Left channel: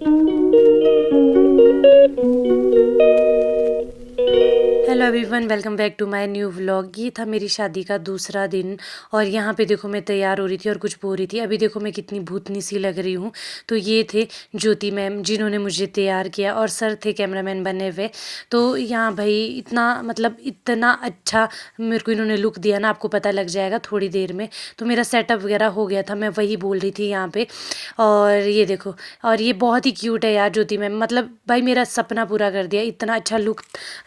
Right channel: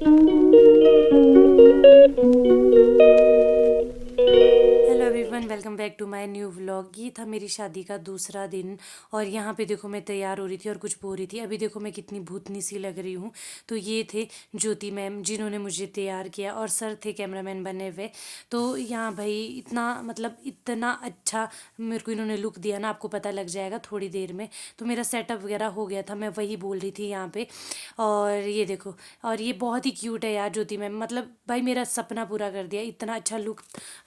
Hello everyone, welcome back to my new vlog. ये था मेरी शादी का दूसरा दिन और यहाँ पे देखो मैं तैयार हो रही थी और कुछ बो रही थी। अभी देखो मैं कितनी भूतनी सी लग रही हूँ। तो ये थे ज्योति मैम जिन्होंने मुझे तैयार किया और सर थे कैमरामैन बने हुए। तो यहाँ भाई इतना मतलब इतना अच्छा मेरे को इन्होंने लुक दिया ना, आपको पता लग जाएगा थोड़ी देर में। तो मेरा सेटअप वगैरह हो गया था, मैं वही बोल रही थी यहाँ पे। और ये देखो, और ये बहुत ही क्यूट है यार ज्योति मैम, मतलब भाई मेरा सपना पूरा कर दिया, इतना अच्छा लुक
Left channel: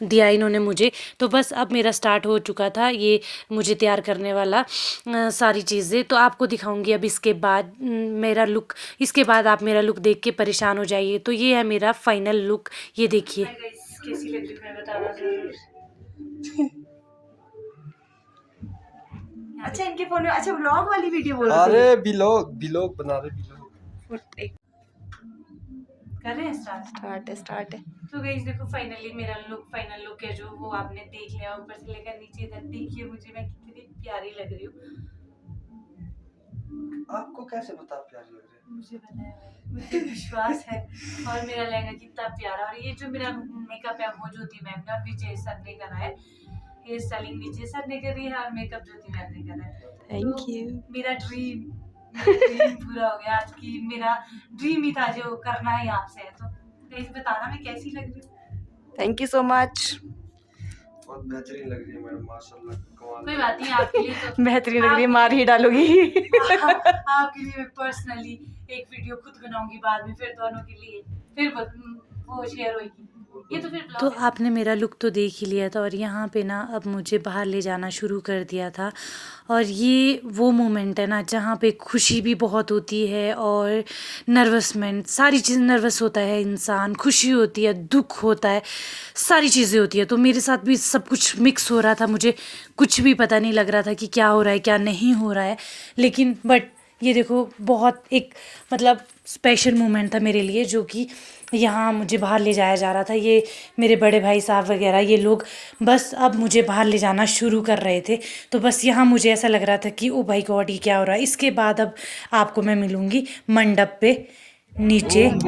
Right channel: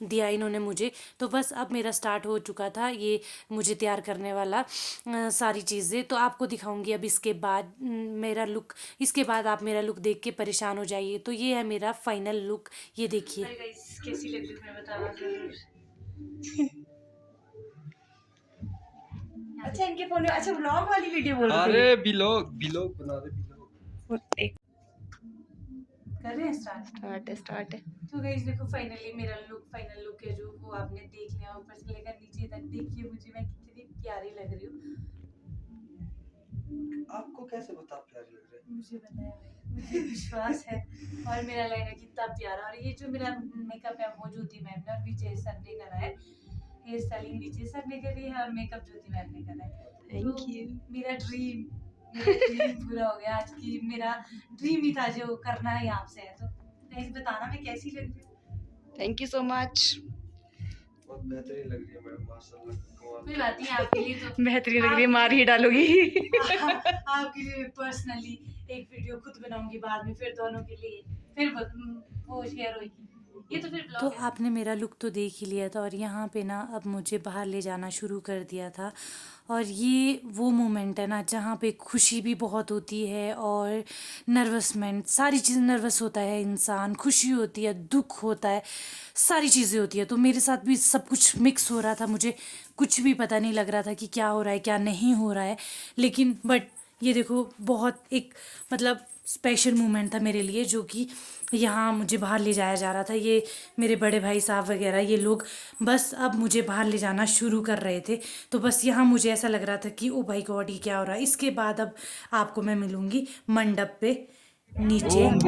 दिया इन्होंने मुझे। तो बस अब मेरा स्टार्ट हो चुका था ये मुझे तैयार करने वाला सारी चीज़ें। तो आपको दिखाऊंगी अब इसके बाद मेरा लुक। इसके बाद आप मेरा लुक देख के परेशान हो जाइए। तो ये है मेरा फाइनल लुक, ये देखिए। हाय गाइस, कैसी लग रही हूँ मैं बताना जरूर। अच्छा इनके फोन में, अच्छा व्लॉग वाली वीडियो बोल रहे अरे बिलोग बिलोग बना रहे बिलोग। कर रहे हैं स्टार्ट है। तो गाइस देखो, फाइनली मेरा लुक, फाइनल लुक है जो, वो आपने देख लिया। ऊपर से लेकर नीचे तक देखिए मुझे मैं कितनी प्यारी लग रही हूँ। आपको कैसे बता प्यारी लग रही है? मुझे पता है भाई, मुझे विश्वास है। और मेरा लहंगा कितना प्यारा, और ये जो मेरा मेकअप है वो ज्योति मैम ने और विजय सर ने करा है। हेयर स्टाइलिंग विजय सर ने करी है और मेकअप ज्योति मैम ने करा है। Thank you. मेरा ड्रीम पूरा हो गया आज की। मेरा ड्रीम ही था जो करना है आपसे है। तो गाइस बताना मैं कैसी लग रही हूँ। Thank you so much. बहुत बेहतरीन लग रही है मैडम, माशाल्लाह कमाल। कोई बात नहीं, आपके लिए तो बेहतरीन लग रही है, मार ही डालूंगी। आपके लिए मैं पर्सनली एक वीडियो खुद बनाऊंगी बाद में, फिर दोनों के लिए, फिर वो शेयर होगी। ये तो फिर तो आपने मेरा लुक तो देख ही लिया था, और यहाँ पे ना अब मुझे बाहर ले जाना शुरू कर दिया था। और ये वो मोमेंट है ना जहाँ पे खुशी भी बहुत होती है और नर्वसमेंट, सारी चीज़, नर्वस होता है इंसान, खुशी होती है, दुख होता है, सारी चीज़ें होती है। तो मेरे साथ भी सब कुछ मिक्स हो रहा था, मुझे कुछ भी पता नहीं लग रहा था कि क्या हो रहा है क्या नहीं हो रहा है। लेकिन बट ये देखो, बहुत एक मतलब स्पेशल मोमेंट था मेरे लिए, जो कि यहाँ मुझे बाहर ले जाया जा रहा था। ये मेरे बड़े भाई साहब वगैरह ये लोग बस अब मुझे बाहर ले जाना शुरू कर रहे थे। तो बस यहाँ मुझे ऐसा लग रहा था कि ओ भाई गॉड ये क्या हो रहा है। इसके बाद अब आपको मैं मिलूँगी मंडप पे नीचे। कुछ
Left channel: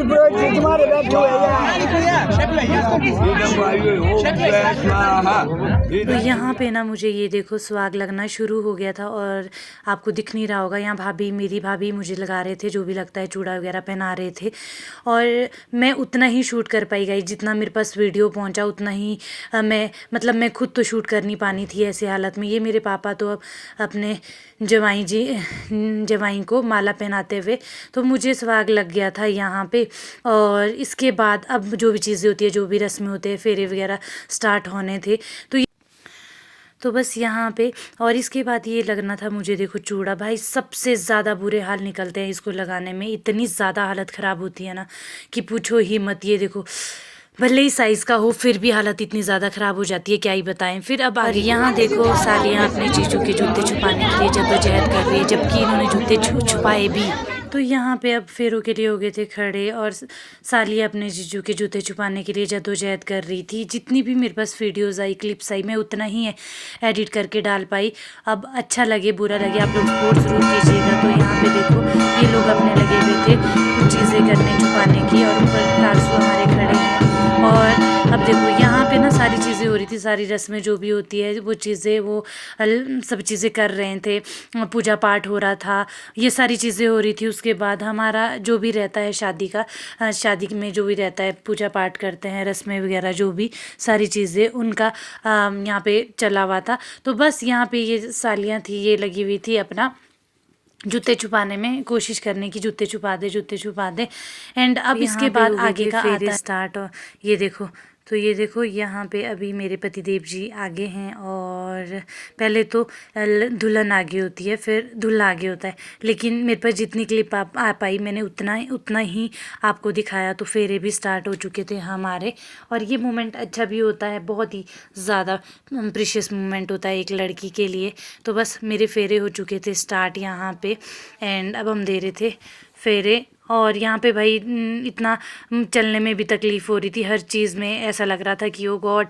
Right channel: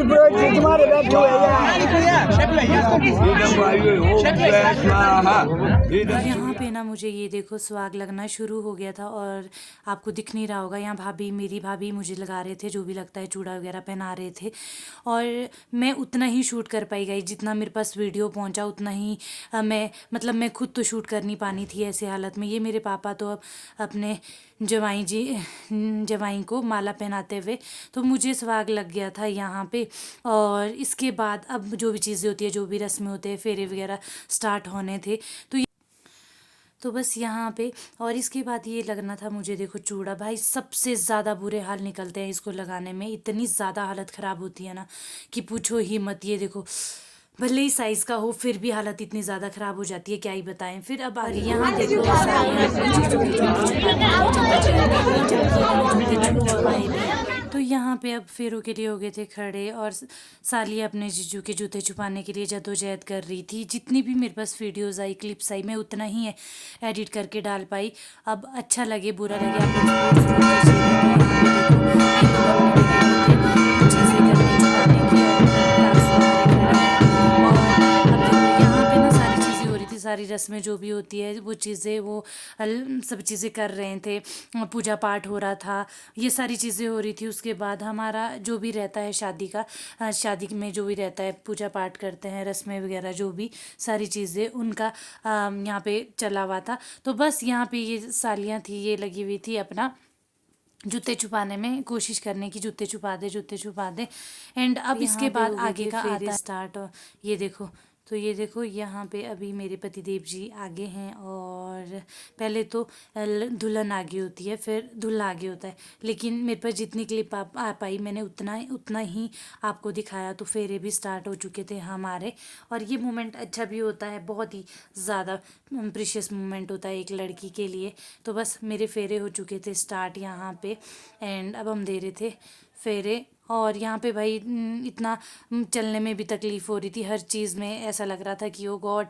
पुरोहित तुम्हारे बैठे हुए और यहाँ पे ना मुझे ये देखो सुहाग लगना शुरू हो गया था, और आपको दिख नहीं रहा होगा, यहाँ भाभी, मेरी भाभी मुझे लगा रहे थे जो भी लगता है, चूड़ा वगैरह पहना रहे थे। और मैं उतना ही शूट कर पाई गई जितना मेरे पास वीडियो पहुँचा, उतना ही मैं खुद तो शूट कर नहीं पानी थी ऐसे हालत में। ये मेरे पापा तो अब अपने जवाई को माला पहनाते हुए, तो मुझे सुहाग लग गया था यहाँ पे। और इसके बाद अब जो भी चीज़ें होती है, जो भी रस्में होते हैं, फेरे वगैरह स्टार्ट होने थे। तो बस यहाँ पे, और इसके बाद ये लगना था मुझे, देखो चूड़ा, भाई सबसे ज़्यादा बुरे हाल निकलते हैं इसको लगाने में, इतनी ज़्यादा हालत ख़राब होती है ना कि पूछो ही मत। ये देखो, भले ही साइज़ का हो फिर भी हालत इतनी ज़्यादा ख़राब हो जाती है, क्या ही बताएं। फिर अब आगे यहाँ देखो सालियाँ अपने जीजू के जूते छुपाने के लिए जद्दोजहद कर रही है, जबकि इन्होंने जूते छुपाए भी। तो यहाँ पे अब फेरों के लिए हो गए थे खड़े, और सालिया अपने जीजू के जूते छुपाने के लिए जद्दोजहद कर रही थी। जितनी भी मेरे पास वीडियोज़ आई, क्लिप्स आई, मैं उतना ही एडिट करके डाल पाई। अब अच्छा लगे बुरा लगे आप लोग सपोर्ट ज़रूर कीजिएगा। तो यहाँ पे देखो ये लोग अपने लगे हुए थे चीज़ें करने छुपाने की, और हमारे खड़े हैं। और अब देखो यहाँ पे ना सारी चीज़ें हो रही थी, सारी रस्में जो भी होती है वो चीज़ें, वो सब चीज़ें कर रहे थे, पूजा पाठ हो रहा था, ये सारी चीज़ें हो रही थी। उसके बाद हमारा जो भी रहता है शादी का, शादी में जो भी रहता है, पूजा पाठ करते हैं, रस्में वगैरह जो भी सारी चीज़ें उनका यहाँ पे चला हुआ था। तो बस यहाँ पे ये सालियाँ थी, ये लगी हुई थी अपना जूते छुपाने में, कोशिश करने की जूते छुपा दे, जूते छुपा दे। एंड अब इसके बाद आगे का आता है स्टार्ट। और ये देखो, तो ये देखो यहाँ पे अभी मेरे पतिदेव जी आगे हैं, और पहले तो दुल्हन आगे होती है, फिर दूल्हा आगे होता है। लेकिन मेरे पास जितनी क्लिप आ पाई मैंने उतना ही आपको दिखाया। तो फेरे भी स्टार्ट हो चुके थे हमारे, और ये मोमेंट अच्छा भी होता है, बहुत ही ज़्यादा प्रीशियस मोमेंट होता है एक लड़की के लिए। तो बस मेरे फेरे हो चुके थे स्टार्ट यहाँ पे, एंड अब हम दे रहे थे फेरे। और यहाँ पे भाई इतना चलने में भी तकलीफ़ हो रही थी, हर चीज़ में ऐसा लग रहा था कि ओ गॉड,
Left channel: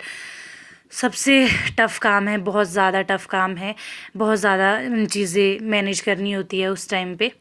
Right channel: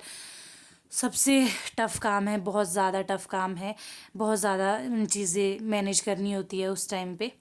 सबसे टफ़ काम है, बहुत ज़्यादा टफ़ काम है, बहुत ज़्यादा चीज़ें मैनेज करनी होती है उस टाइम पे।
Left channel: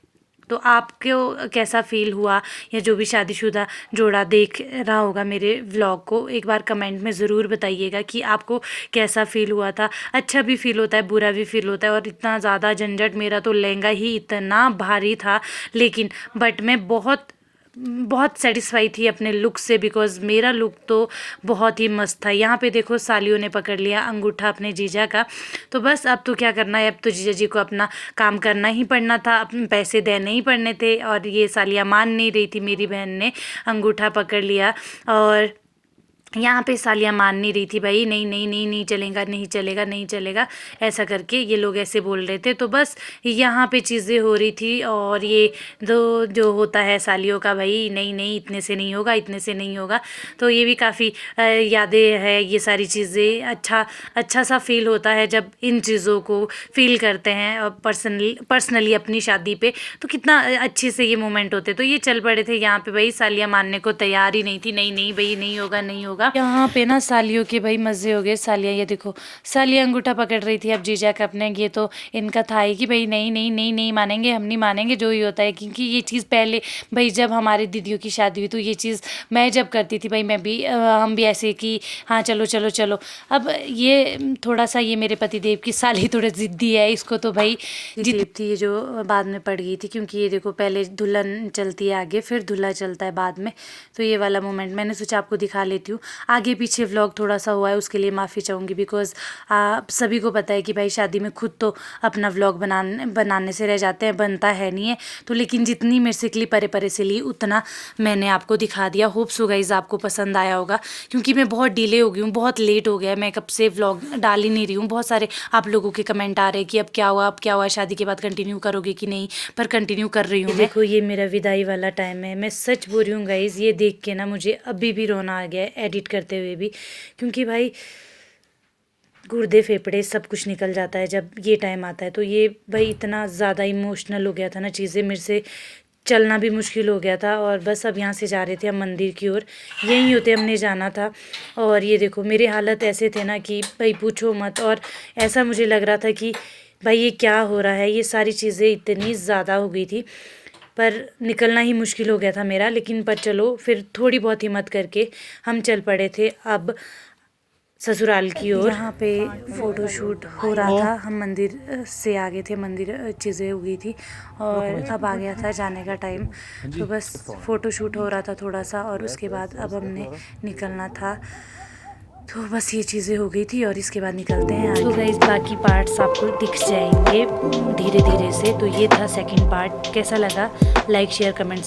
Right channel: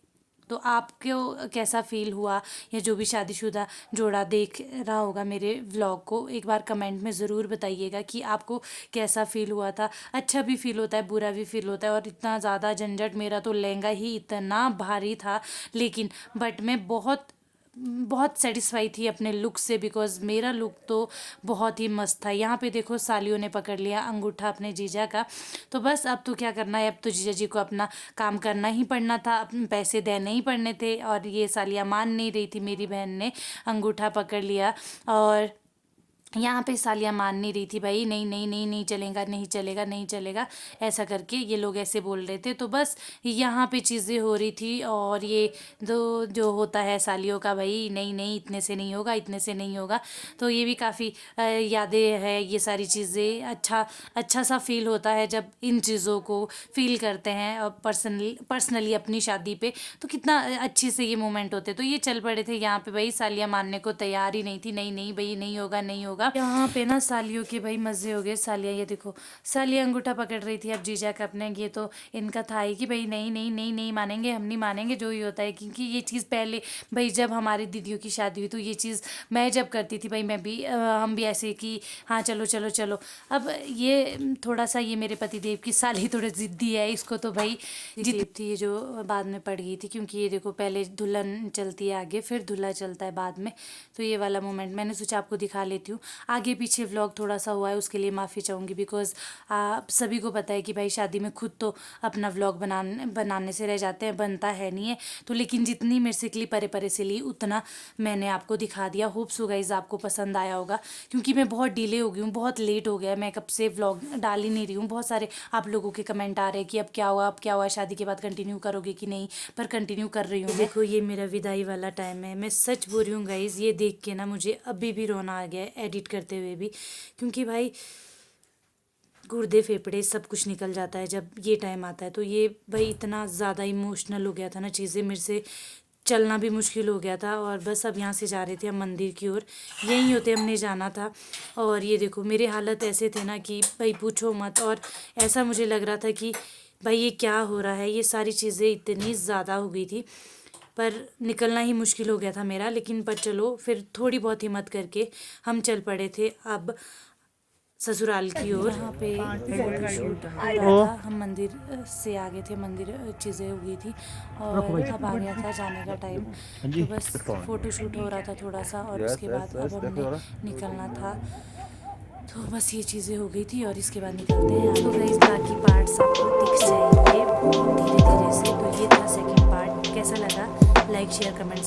तो आपको कैसा फ़ील हुआ, या जो भी शादीशुदा जोड़ा देख रहा होगा मेरे व्लॉग को, एक बार कमेंट में ज़रूर बताइएगा कि आपको कैसा फ़ील हुआ था। अच्छा भी फ़ील होता है, बुरा भी फ़ील होता है। और इतना ज़्यादा झंझट, मेरा तो लहंगा ही इतना भारी था, लेकिन बट मैं बहुत सेटिस्फाई थी अपने लुक से, बिकॉज़ मेरा लुक तो बहुत ही मस्त था। यहाँ पे देखो सालियों ने पकड़ लिया अंगूठा अपने जीजा का। तो बस अब तो क्या करना है, अब तो जीजा जी को अपना काम करना ही पड़ना था, अपने पैसे देने ही पड़ने थे। और ये सालियाँ मान नहीं रही थी, मेरी बहन ने अंगूठा पकड़ लिया और यहाँ पे सालियाँ मान नहीं रही थी, भाई नहीं नहीं नहीं नहीं चलेगा, नहीं चलेगा, नहीं चलेगा, ऐसा करके ये लोग ऐसे बोल रहे थे। तो बस यहाँ पे चीज़ें हो रही थी। और ये जो होता है सालियों का, भाई नहीं नहीं इतने से नहीं होगा, इतने से नहीं होगा। तो ये भी काफ़ी यादें हैं ये सारी चीज़ें। अच्छा सा फील होता है जब इन चीज़ों को फील करते हैं, और पर्सनली अपनी शादी पे तो कितना अच्छे से ये मोमेंट होते। तो ये चल पड़े थे यहाँ पे, भाई सालियाँ मानने को तैयार ही नहीं थी, नहीं नहीं भाई नहीं होगा, नहीं होगा। यहाँ पे ना सालियों के भाई मज़े हो गए। सालियाँ ये देखो, सालियाँ अंगूठा पकड़ रही थी अब जीजा का अपने। ये तो इनका था ही कि भाई नहीं नहीं नहीं नहीं मानेंगे, हम नहीं मानेंगे, जो ही होता है। क्योंकि ये चीज़ पहले भाई जब हमारे दीदियों की शादी हुई तो ये चीज़ मैं जब करती थी भाई, मैं भी हम भी ऐसे कि हाँ चलो चलो चलो। अब ये थोड़ा सा ये मेरे पति देव की साली थोड़ी ज़िद्दी है, इसको तो भाई जिद थी ये जो बाद में पड़ गई थी। क्योंकि ये देखो पहले दुल्हन चलती है आगे, फिर दूल्हा चलता है बाद में। तो ये वाला मोमेंट मैंने सोचा आपको दिखा लेती हूँ। आगे पीछे व्लॉग थोड़ा सा हुआ है, उसके लिए माफ़ी चाहूँगी, बिकॉज़ आप सभी को पता है कि भाई शादी में खुद तो अपना व्लॉग बनाने से रह जाते हैं, बनता है नहीं है। तो लेकिन जितनी मेरे से क्लिप परे से ली उतना मैंने आपको दिखा दिया। होप सो गाइस आपको पसंद आया होगा, क्योंकि मैं बहुत डिले हो गई हूँ, बहुत लेट हो गया, मैं कब से व्लॉग डाल ही नहीं रही हूँ। बहुत सारे आप लोगों के कमेंट आ रहे हैं कि अब क्या हुआ, अब क्या हुआ, शादी के बाद कंटिन्यू करोगे कि नहीं, पर कंटिन्यू कर रही हूँ। देखो ये मेरा विदाई वाला टाइम है। मैं सच बोल रही हूँ गाइस, ये देख के ना मुझे अभी भी रोना आ गया है एडिट करते हुए भी, क्योंकि भाई गुर्दे फेफड़े सब कुछ निकल जाता है जब ये टाइम आता है। तो ये भाई इतना ज़्यादा इमोशनल हो गया था ना चीज़ें, मेरे से चलना भी मुश्किल हो गया था। और बस अब यहाँ से जा रहे थे हम मंदिर की ओर, यहीं होते हमने जाना था। और ये देखो मेरे हालत ऐसे थे ना कि भाई पूछो मत। और ऐसा मुझे लग रहा था कि भाई ये क्या हो रहा है, ये सारी चीज़ें इतनी ज़्यादा हो गई थी, पर निकलना ही मुश्किल हो गया था मेरा। लेकिन पर चलो फिर थोड़ी बहुत हिम्मत करके हम चल पड़े थे अब ससुराल की ओर। यहाँ पे फ़ोटोशूट हो रहा था, हम मंदिर से आ गए थे, मंदिर चीज़ें हो गई थी और अब आ गया था जाने का टाइम। तो बस फ़ोटोशूट हो रहा था थोड़ा सा, और उसके बाद अब हमने निकलना था। तो बस ये चीज़ें हो गई थी और इसके बाद निकलते हैं। तो गाइस बाकी पार्ट्स आपको दिख जाएंगे धीरे धीरे से। तो ये था सेकंड पार्ट। कैसा लगा लाइक शेयर कमेंट